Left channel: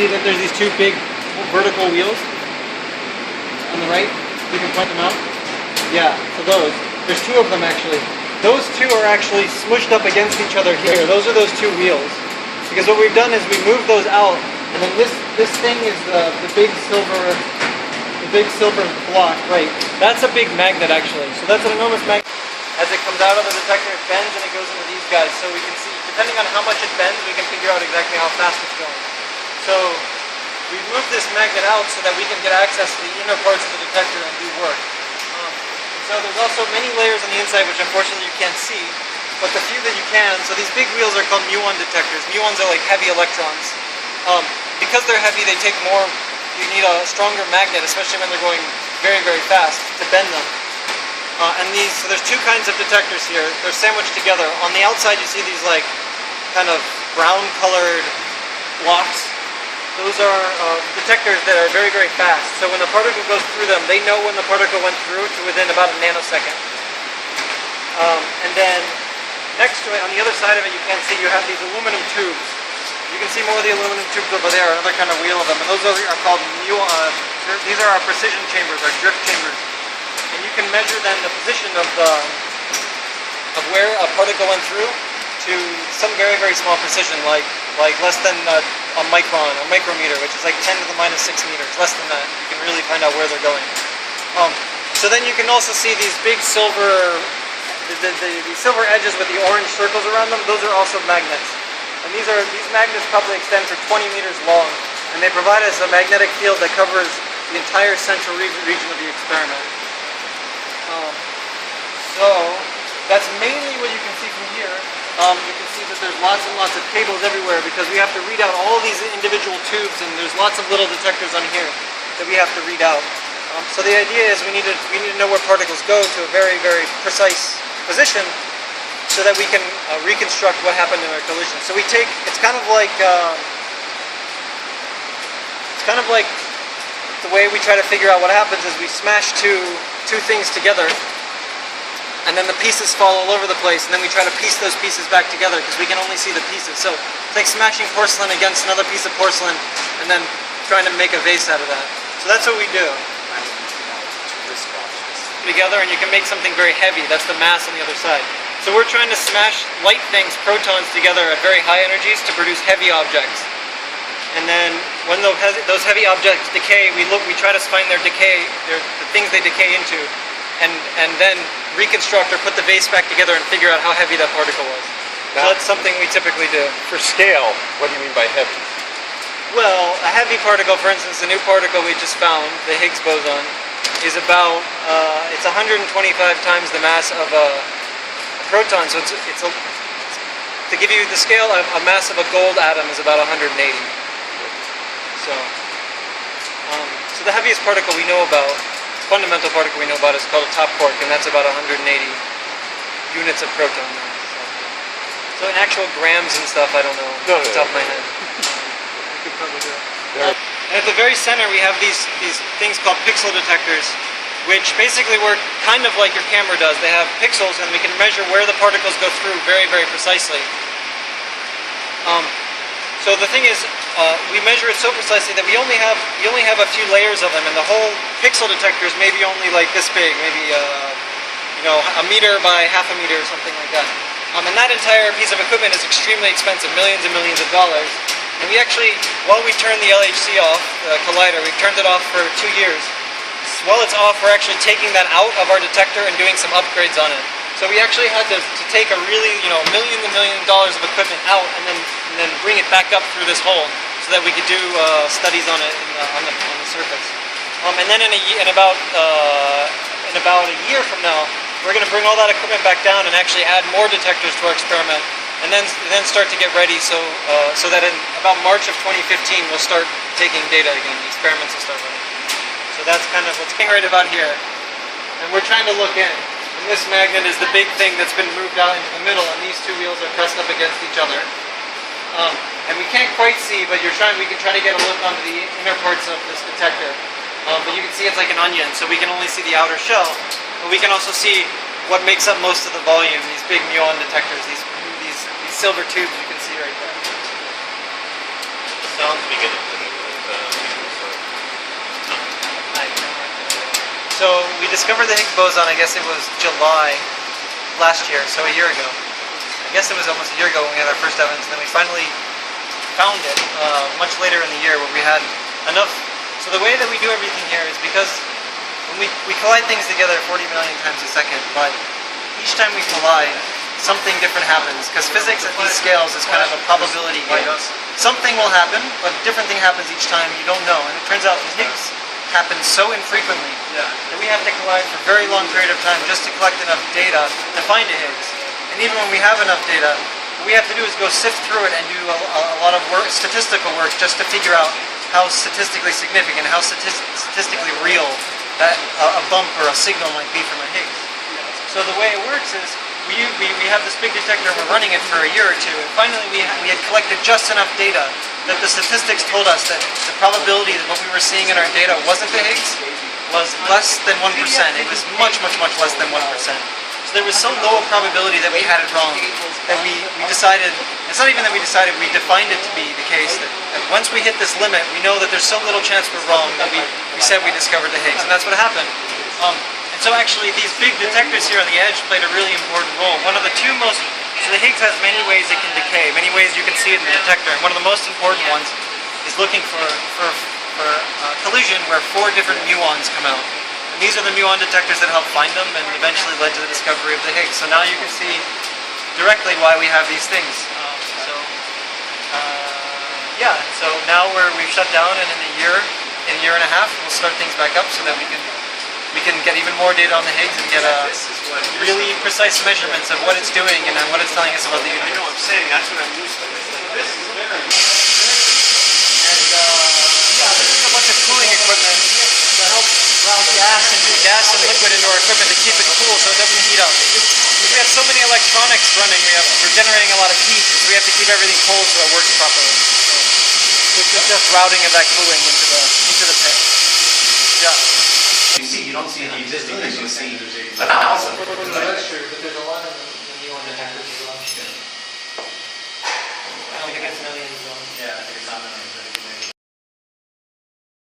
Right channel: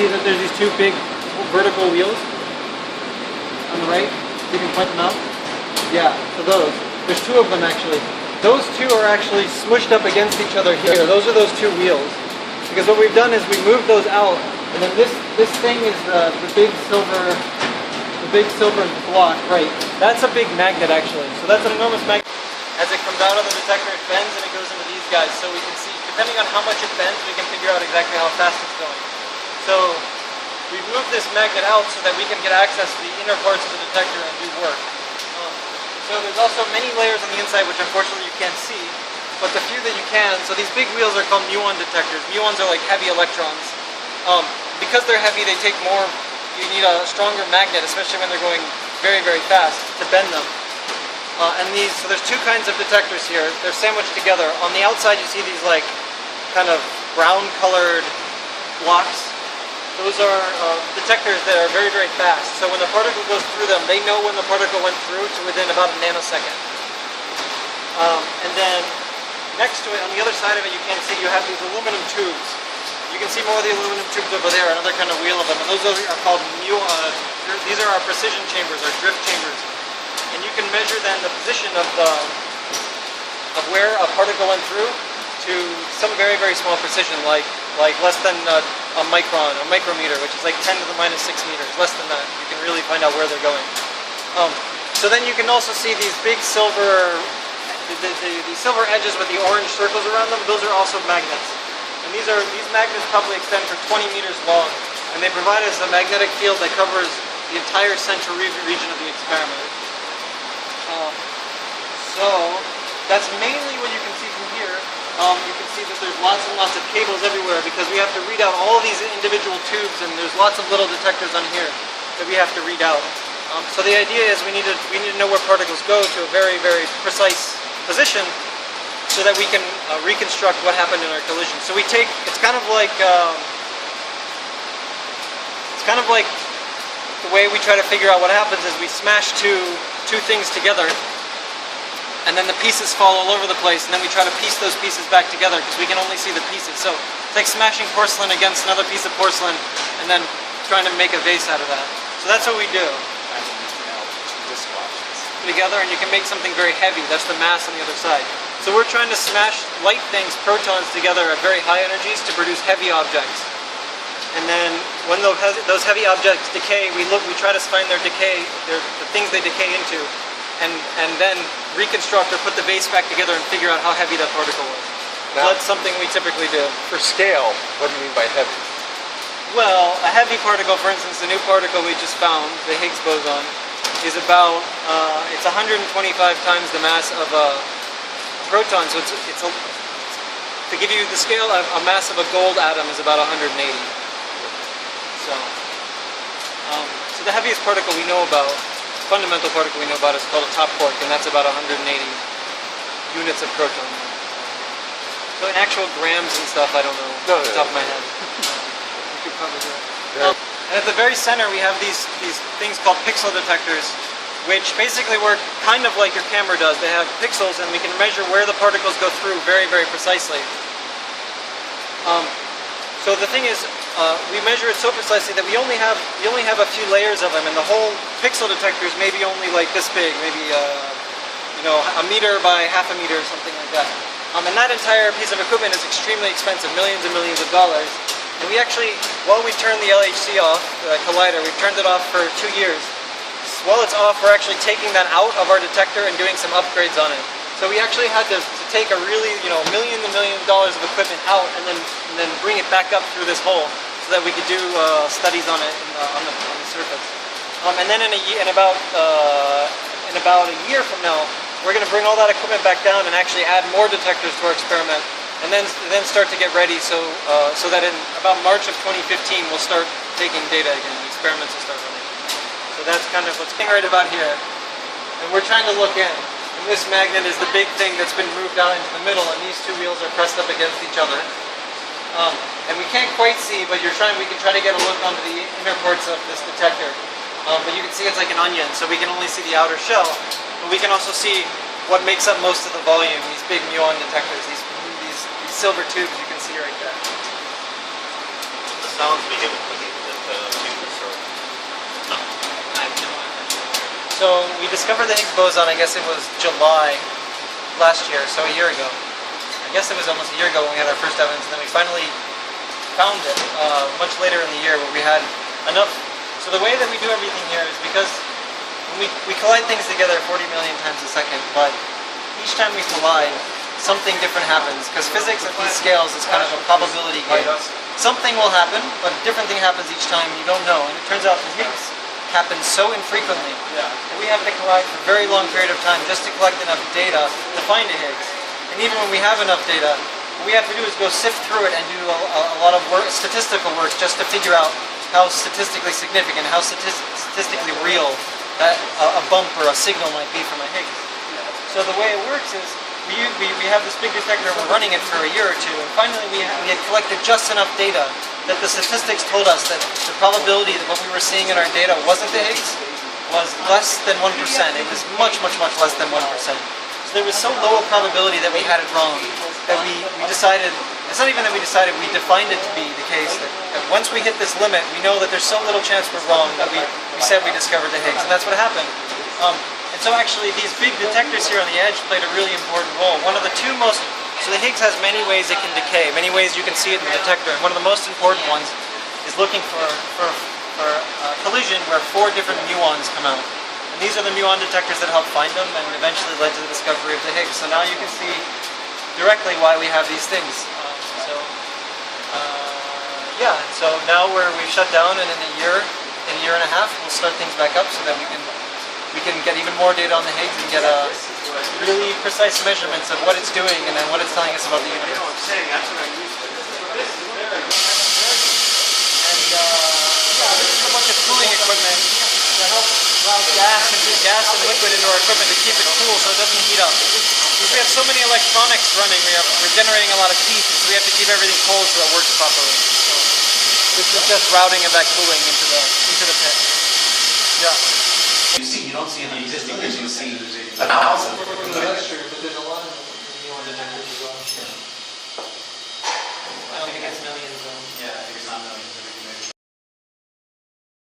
see that there's these two big vertical wheels on the right. You can point them out. Yeah, so those. There's two of them actually. Those two are actually smushed up against each other here. Those are those two wheels. Because what we've done is we moved those out, and then this thing is the big silver block, right? That's a big magnet actually. So that's an enormous magnet. As it comes out of the detector, it bends and it goes into these guys. So we can see, depending on how much it bends, we can figure out exactly how fast it's going. So we've moved this magnet out so that we can get access to the inner parts of the detector and do work. So there's also many layers on the inside which unfortunately you can't see, but the few that you can, so these big wheels are called muon detectors. Muons are like heavy electrons. Because they're heavy, they take more, you need a stronger magnet, especially when they're going very, very fast, to bend them. So there's two kinds of detectors here. They're sandwiched together. On the outside you see these like kind of brown colored blocks. Those are detectors that are very, very fast. So when a particle goes through them, they know when the particle went through to within about a nanosecond. And then next to it, on the other side of it, you can't see, you have these aluminum tubes. You can see more of the aluminum tubes over there, another kind of wheel of them. And those are called these are our precision chambers, our drift chambers. And you can measure then the position of where a particle went through to some very, very small precision, like less than a micron or micrometer, which is like 10 to the minus 6 meters, less than that. You can really find out where they're going. So then you can also see these big silver, the silver edges with the orange circles around them. Those are also magnets. And these magnets probably extend to 20 meters long, and they provide us a magnetic field that covers the entire central region of the experiment. So that's mainly what you can see from here. You can see that there's lots and lots of cables everywhere because we have to read out all these individual tubes, and there's lots of little detectors on here that we have to read out. So the idea is we need to know where particles go to a very, very precise position so that we can reconstruct what happened in our collision. So we take, it's kind of like the way we try to figure out what happens is we smash two things together, and then the pieces fall all over the place, and then we try to piece those pieces back together because we can only see the pieces. So it's like smashing porcelain against another piece of porcelain and then trying to make a vase out of that. So that's what we do. Together, and you can make something very heavy. That's the mass on the other side. So we're trying to smash light things, protons, together at very high energies to produce heavy objects. And then when those heavy objects decay, we try to find their decay, the things they decay into, and then reconstruct or put the vase back together and figure out how heavy that particle was. Now, so that's something we typically do. For scale, what do you mean by heavy? Well, a heavy particle, for instance, the new particle we just found, the Higgs boson, is about, it's 125 times the mass of a proton. So to give you the scale, a mass of a gold atom is about 180. So the heaviest particle we know about, fundamental particle we know about, is called a top quark, and that's about 180 units of proton. So in actual grams and stuff, I don't know off the top of my head. You could probably do it. Yeah. And at the very center, we have these things called pixel detectors, which basically work kind of like your camera does. They have pixels, and we can measure where the particles go through very, very precisely. So the thing is, we measure it so precisely that we only have a few layers of them, and the whole pixel detector is maybe only like this big, maybe a meter by half a meter or something like that. And that entire piece of equipment is extremely expensive, millions and millions of dollars. And we actually, while we turned the LHC off, the collider, we've turned it off for 2 years. While it's off, we're actually taking that out of our detector and doing some upgrades on it. So we actually had to take a really, millions and millions of dollars of equipment out and then bring it back up through this hole so that we could do studies on it on the surface. And then in about a year from now, we're going to bring all that equipment back down and actually add more detectors to our experiment, and then start to get ready so that in about March of 2015 we'll start taking data again. The experiments will start running. So that's kind of what's right about here. And we're trying to look in. And this magnet is the big thing that's been moved out into the middle, and these two wheels are pressed up against each other. And we can't quite see, but we can try to get a look onto the inner parts of this detector. But you can see it's like an onion, so we can only see the outer shell. But we can also see what makes up most of the volume, these big muon detectors, these silver tubes you can see right there. Sounds begin to So we discovered the Higgs boson, I guess it was July last year, so a year ago. I guess it was almost a year ago when we had our first evidence, and then we finally found it much later in the year where we had enough. So the way that we do everything here is because when we collide things together 40 million times a second, but each time we collide, something different happens, because physics at these scales is kind of a probability game. Something will happen, but a different thing happens each time, you don't know. And it turns out the Higgs happens so infrequently that we have to collide for a very long period of time just to collect enough data to find a Higgs. And even when we have enough data, what we have to do is go sift through it and do a lot of work, statistical work, just to figure out how statistically significant, how statistically real that a bump or a signal might be from a Higgs. So the way it works is we have this big detector, we're running it for a year or two, and finally we had collected just enough data that the statistics told us that the probability that what we were seeing in our data wasn't the Higgs was less than 1%. It was much, much, much less than 1%. So there was so low a probability that we had it wrong that we decided, it's not even that we decided, we defined it to be the case that once we hit this limit, we know that there's so little chance we're wrong that we said we discovered the Higgs, and that's what happened. And so actually these big detectors here on the edge played a really important role. One of the two most, so the Higgs has many ways it can decay, many ways you can see it in the detector, and one of the most important ones is looking for collision where 4 different muons come out. And these are the muon detectors that help find them and eventually led to the discovery of the Higgs. So now you can see directly why we have these things. So now we've shut down, and in a year and a half, we'll start things back up so that we can get even more data on the Higgs and get really precise measurements of what it's doing and what it's telling us about the universe. I know what I'm saying, that's what I'm used to. This is a bunch of cooling equipment that helps route gas and liquid into our equipment to keep it cool so it doesn't heat up. Because we have so many electronics running, we're generating a lot of heat, so we have to keep everything cold so it works properly. So this is just routing of that cooling into the pit. Yeah. You don't see in the existing things, you see 1,000. That's true, but there's a lot